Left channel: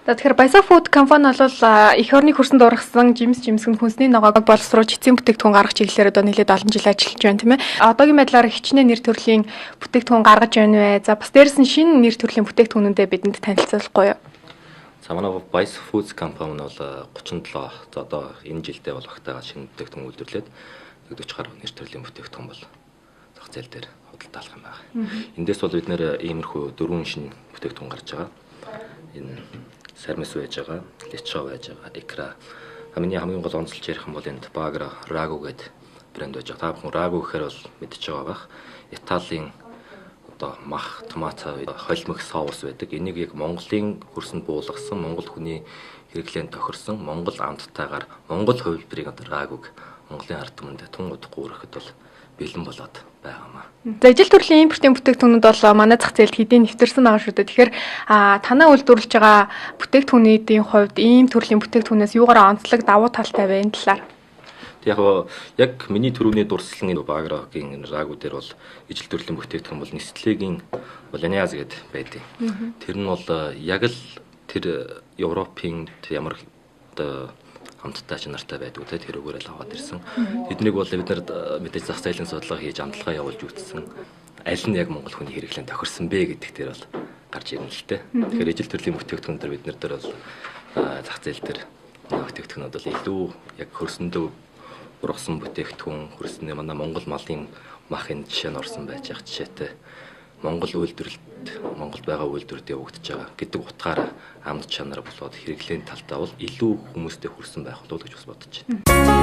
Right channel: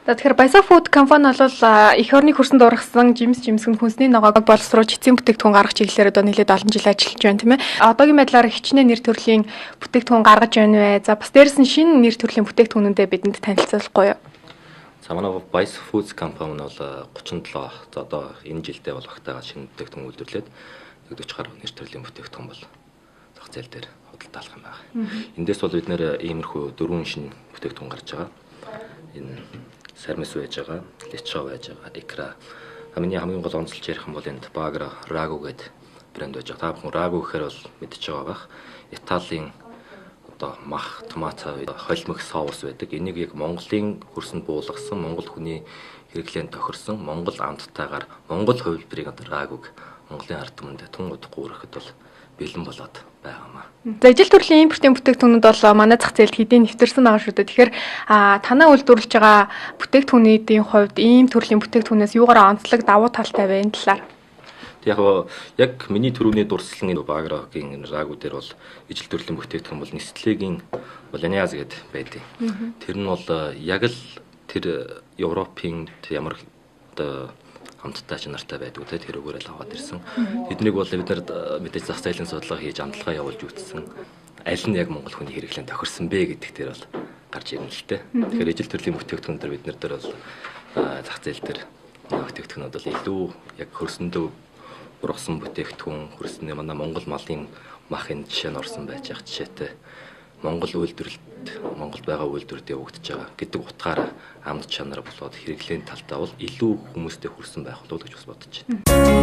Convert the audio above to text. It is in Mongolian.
Тэгэхээр Баясаа Food компани бол эх орны хөрсөнд ургасан жимсгэн хүнсний ногоог боловсруулж эцсийн бүтээгдэхүүн гаргах чиглэлээр одоо нэлээд олон жил ажиллаж байна тийм ээ. Одоогийн байдлаар хичнээн нэр төрлийн бүтээгдэхүүн гаргаж байна вэ? За бас дээрээс нь шинэ нэр төрлийн бүтээгдэхүүнүүдэд бидэнд танилцуулахгүй юу? За манай Баясаа Food компани бол 37 за одоо энэ жилдээ бол багтаага шинэ бүтээгдэхүүн үйлдвэрлээд 40 гаруй нэр төрлийн бүтээгдэхүүн бол зах зээл дээр худалдаалах юм байна. Эндээс бол бид нэр иймэрхүү дөрвөн шинэ бүтээгдэхүүн гарч байгаа. Энэ сармис байж байгаа, лечо байж байгаа, икра. Хамгийн гол онцлж ярих юм бол энд Багра Рагу гэдэг брэнд байж байгаа. Та бүхэн Рагу гэхээр бол мэдчихэж байгаа бах. Италийн одоо мах, томат, холимог соус байдаг. Энийг яг Монголын хөрсөнд буулгасан, монгол хүний хэрэглээнд тохирсон, монгол амттайгаар монгол хувилбарыг одоо Рагуг Монголын ард түмэнд тун удахгүй өргөхөд бол бэлэн болоод байгаамаа. За ижил төрлийн импортын бүтээгдэхүүнүүд бол манай зах зээлд хэдийн нэвтэрсэн байгаа шүү дээ. Тэгэхээр танаа үйлдвэрлэж байгаа бүтээгдэхүүнүүдийн хувьд ийм төрлийн бүтээгдэхүүнээс юугаараа онцлог давуу талтай вэ энэ талаар? Яг миний түрүүний дурсгалын Баграгийн Рагу дээр бол ижил төрлийн бүтээгдэхүүн бол Nestlé-гийн Bolognaise гэдэг байдаг. Тэр нь бол яг л тэр Европын ямар хамттай чанартай байдаг те тэр өгөөрэй л аваад ирсэн. Тэднийг бол бид нар мэдээж зах зээлийн судалгаа хийж амталгаа явуулж үзсэн. Аль нь яг монгол хүний хэрэглээнд тохирсон бэ гэдэг дээр бол гарч ирнэ л те. Тэгэхээр ижил төрлийн бүтээгдэхүүн дээр бид нар дээр бол зах зээл дээр бүтээгдэхүүнүүд бол илүү яг хөрсөндөө ургасан бүтээгдэхүүн хөрсөний манай монгол малын махын жишээ нь орсон байж байгаа жишээтэй. Монгол үйлдвэрлэлд Монгол байгаа үйлдвэрүүд явагдаж байгаа гэдэг утгаараа амт чанар болоод хэрэглээний талдаа бол илүү хүмүүстэй хүрсэн байх болов уу гэж бас бодож байна.